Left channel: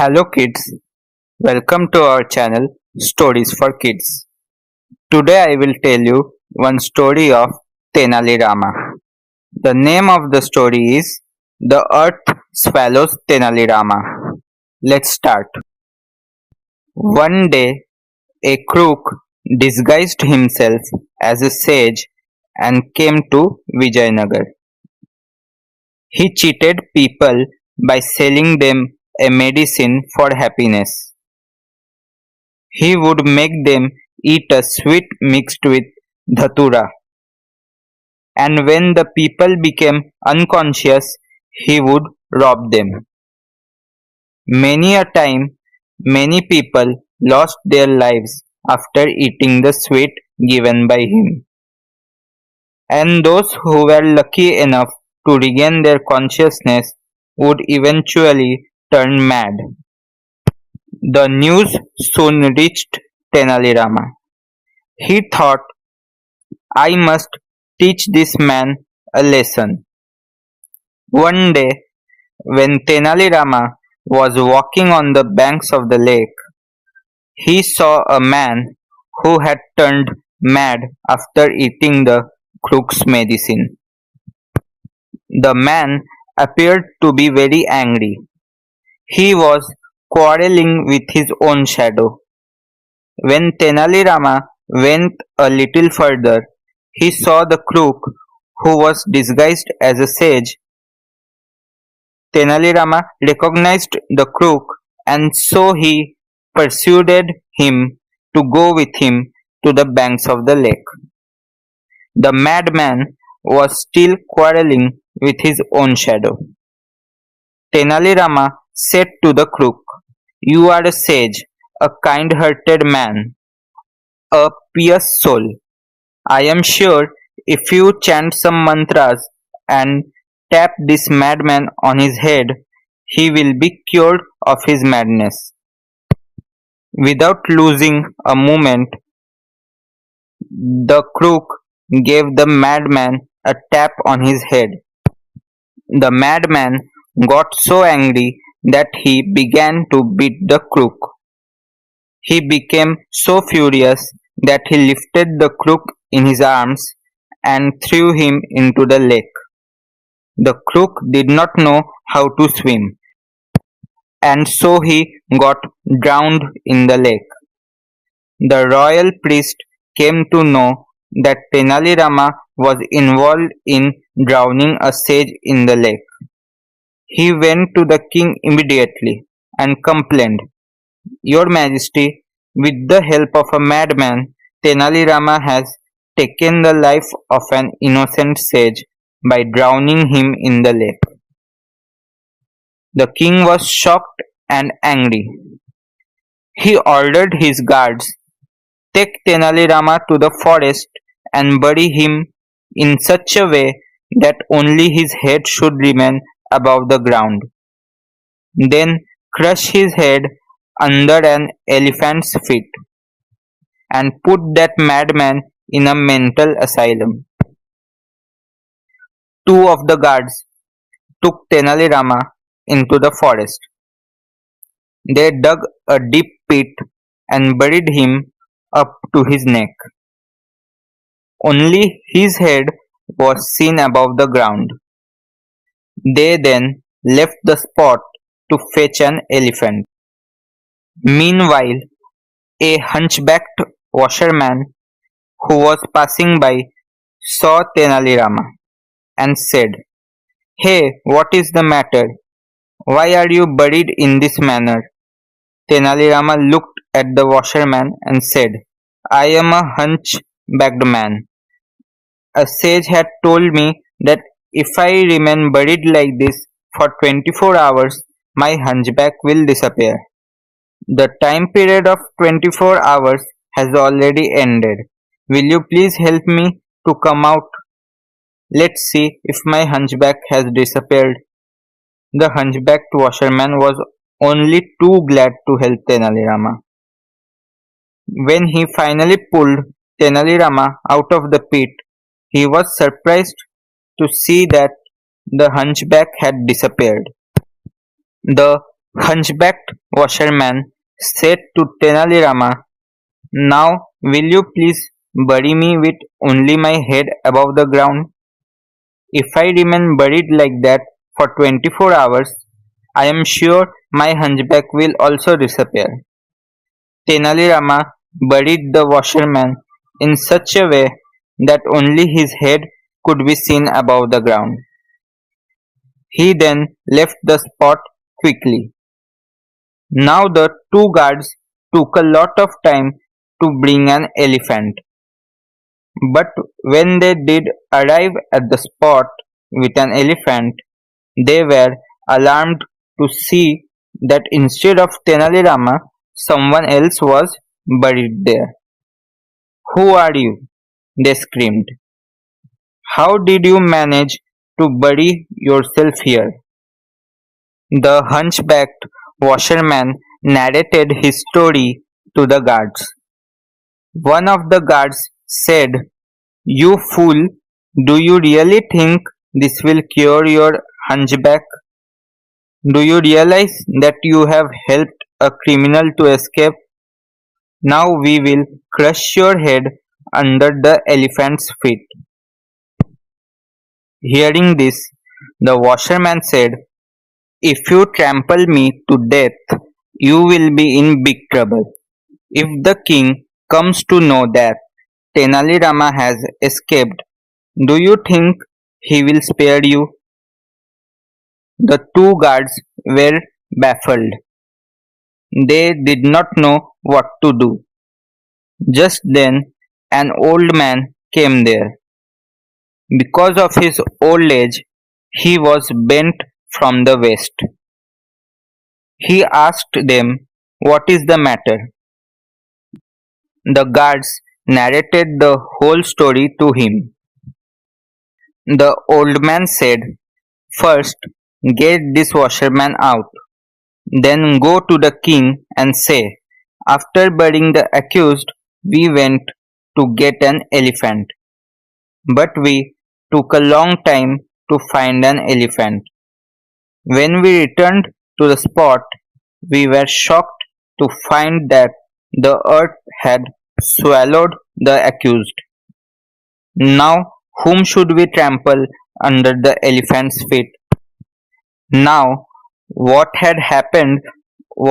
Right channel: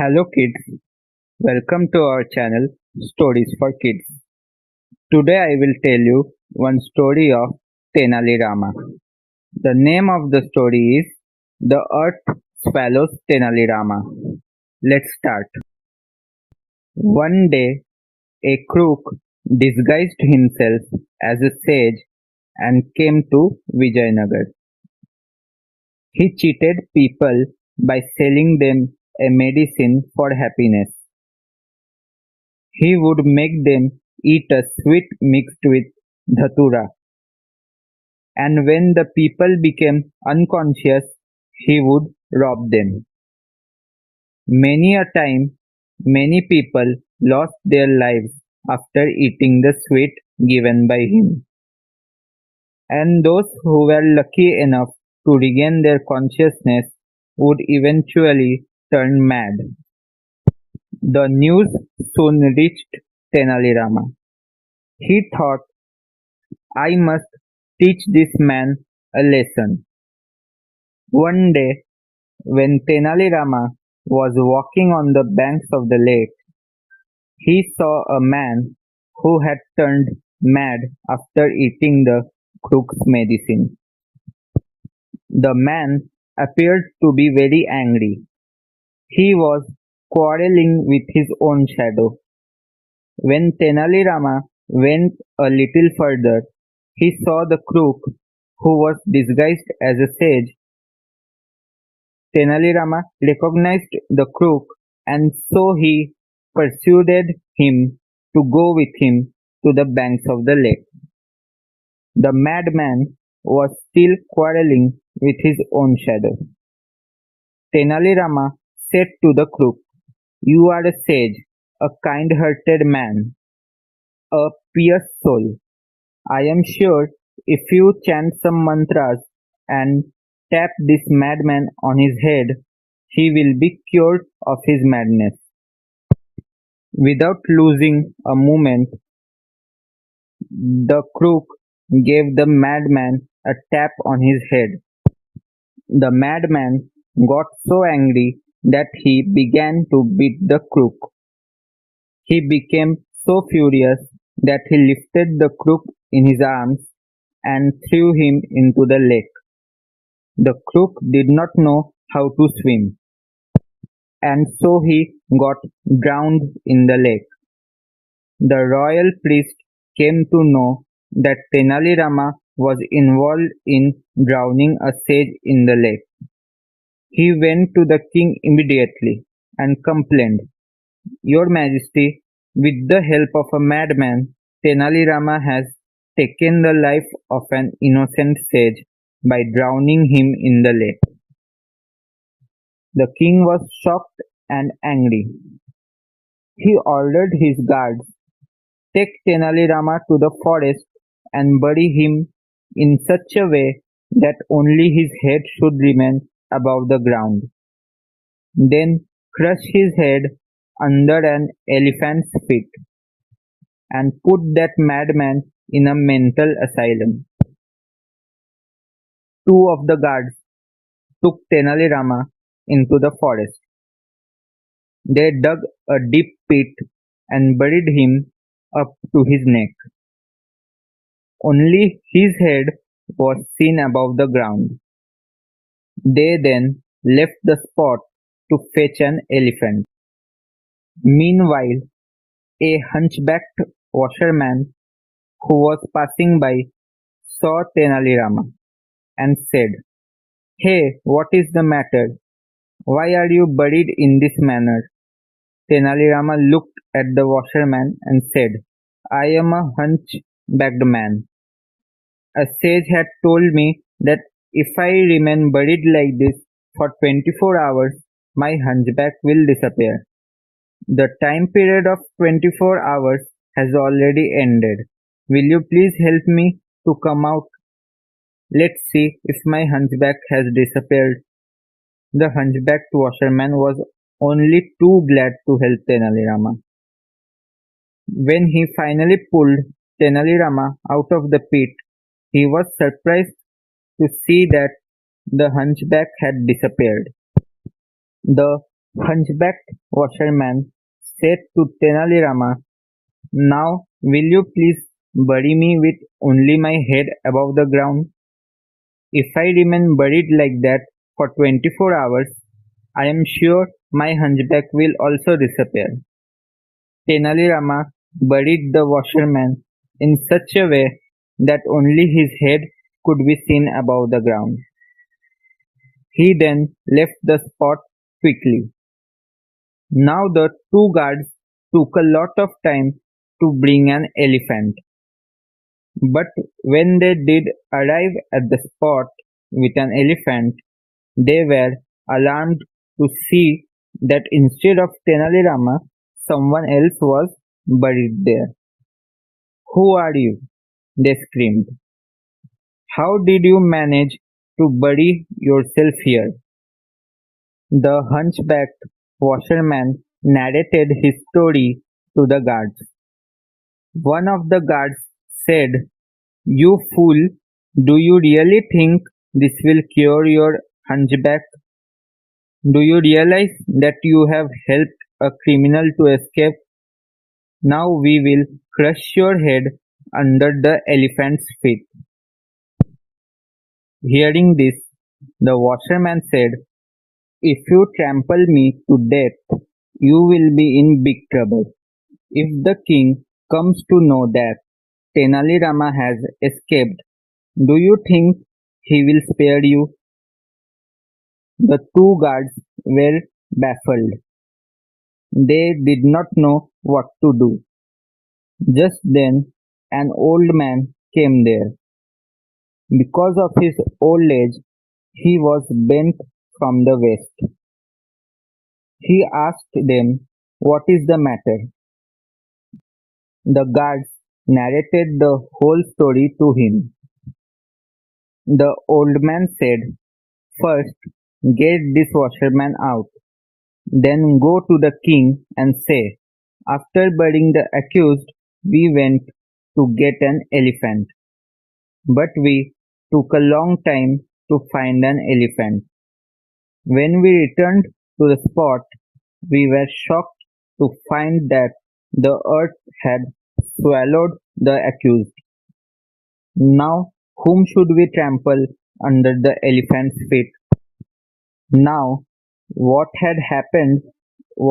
Hello kids, welcome to our channel Stories for Kids. Today I will tell you one story of Tenalirama. The name of the story is The Earth Swallows Tenalirama. Let's start. One day, a crook disguised himself as a sage and came to Vijayanagar. He cheated people by selling them a medicine for happiness. He would make them eat a sweet mixed with dhatura, and when the people became unconscious, he would rob them. Many a time, many people lost their lives after eating the sweet given by him, and those who were lucky enough to regain their consciousness would eventually turn mad. The news soon reached Tenalirama. He thought, I must teach this man a lesson. One day, when Tenalirama was walking on the banks of the lake, he saw a man who had turned mad after eating the crook's medicine. The man appeared to be very angry. He was quarreling with his own shadow. When Tenalirama went a little further, he saw the crook who was disguised as a sage. Tenalirama recognized the crook, and so he persuaded him to go with him to the banks of the lake. The madman was still quarreling with his own shadow. Tenalirama said to the crook, You are a sage, a kind-hearted man, a pious soul. I am sure if you chant some mantras and tap this madman on his head, he will be cured of his madness. Without losing a moment, the crook gave the madman a tap on his head. The madman got so angry that he began to beat the crook. He became so furious that he lifted the crook in his arms and threw him into the lake. The crook did not know how to swim, and so he got drowned in the lake. The royal priest came to know that Tenalirama was involved in drowning a sage in the lake. He went to the king immediately and complained, Your Majesty, with the help of a madman, Tenalirama has taken the life of an innocent sage by drowning him in the lake. The king was shocked and angry. He ordered his guards, Take Tenalirama to the forest and bury him in such a way that only his head should remain above the ground. Then crush his head under an elephant's feet and put that madman in a mental asylum. Two of the guards took Tenalirama into the forest. They dug a deep pit and buried him up to his neck. Only his head was seen above the ground. They then left the spot to fetch an elephant. Meanwhile, a hunchbacked washerman who was passing by saw Tenalirama and said, Hey, what is the matter? Why are you buried in this manner? Tenalirama looked at the washerman and said, I am a hunchbacked man. A sage had told me that if I remain buried like this for 24 hours, my hunchback will disappear. The time period of 24 hours has already ended. Will you please help me to come out? Let's see if my hunchback has disappeared. The hunchbacked washerman was only too glad to help Tenalirama. When he finally pulled Tenalirama out of the pit, he was surprised to see that the hunchback had disappeared. The Hunchbacked washerman said to Tenalirama, "Now will you please bury me with only my head above the ground? If I remain buried like that for 24 hours, I am sure my hunchback will also disappear." Tenalirama buried the washerman in such a way that only his head could be seen above the ground. He then left the spot quickly. Now the two guards took a lot of time to bring an elephant, but when they did arrive at the spot with an elephant, they were alarmed to see that instead of Tenalirama, someone else was buried there. "Who are you?" they screamed. "How did you manage to bury yourself here?" The hunchbacked washerman narrated his story to the guards. One of the guards said, "You fool, do you really think this will cure your hunchback? Do you realize that you have helped a criminal to escape? Now we will crush your head under the elephant's feet." Hearing this, the washerman said, "If you trample me to death, you will be in big trouble. If the king comes to know that Tenali Rama has escaped, do you think he will spare you?" The two guards were baffled. They did not know what to do. Just then, an old man came there. Because of his old age, he was bent from the waist. He asked them, "What is the matter?" The guards narrated the whole story to him. The old man said, "First, get this washerman out. Then go to the king and say, 'After burying the accused, we went to get an elephant. But we took a long time to find an elephant. When we returned to the spot, we were shocked to find that the earth had swallowed the accused. Now, whom should we trample under the elephant's feet?" Now, what had happened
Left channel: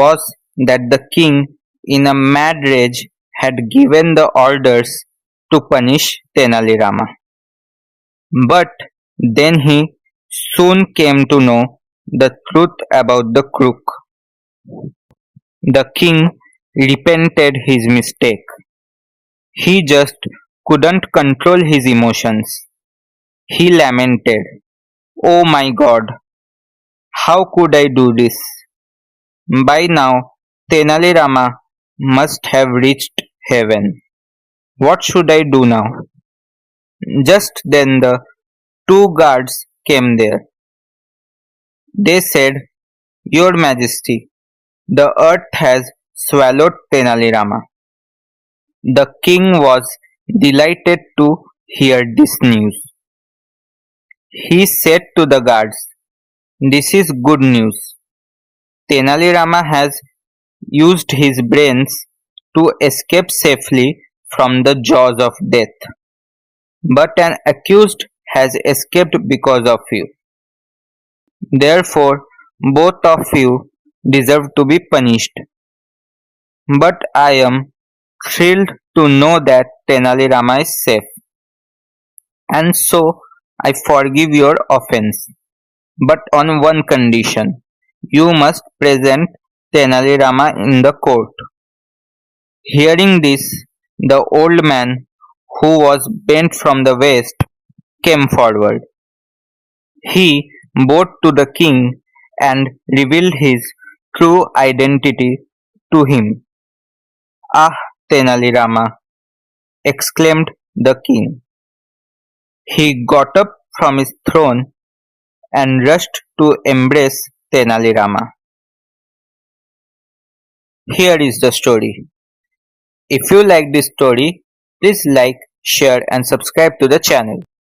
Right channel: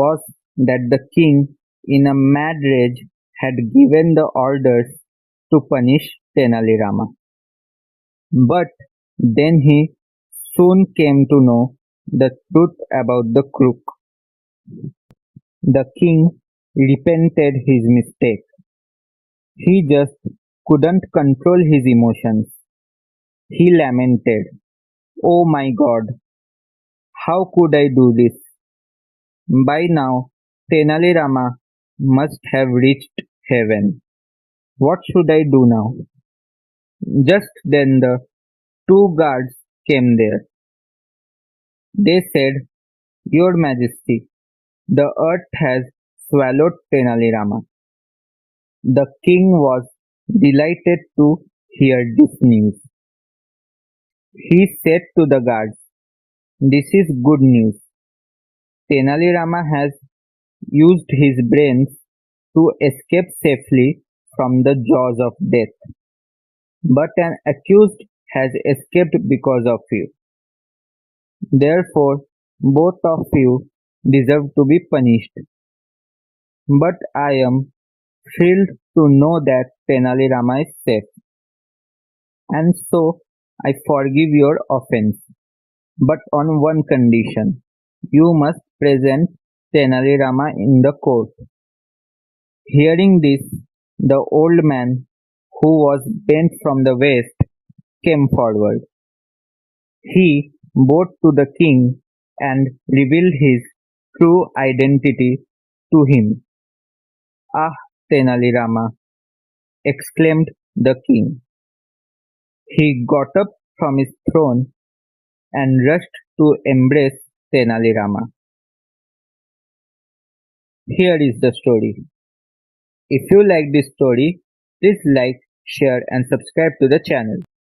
was that the king, in a mad rage, had given the orders to punish Tenali Rama. But then he soon came to know the truth about the crook. The king repented his mistake. He just couldn't control his emotions. He lamented, "Oh my God, how could I do this? By now, Tenali Rama must have reached heaven. What should I do now?" Just then the two guards came there. They said, "Your Majesty, the earth has swallowed Tenali Rama." The king was delighted to hear this news. He said to the guards, "This is good news. Tenali Rama has used his brains to escape safely from the jaws of death. But an accused has escaped because of you. Therefore, both of you deserve to be punished. But I am thrilled to know that Tenali Rama is safe, and so I forgive your offense. But on one condition, you must present Tenali Rama in the court." Hearing this, the old man, who was bent from the waist, came forward. He bowed to the king and revealed his true identity to him. "Ah, Tenali Rama!" exclaimed the king. He got up from his throne and rushed to embrace Tenali Rama. Here is the story. If you like this story, please like, share and subscribe to the channel.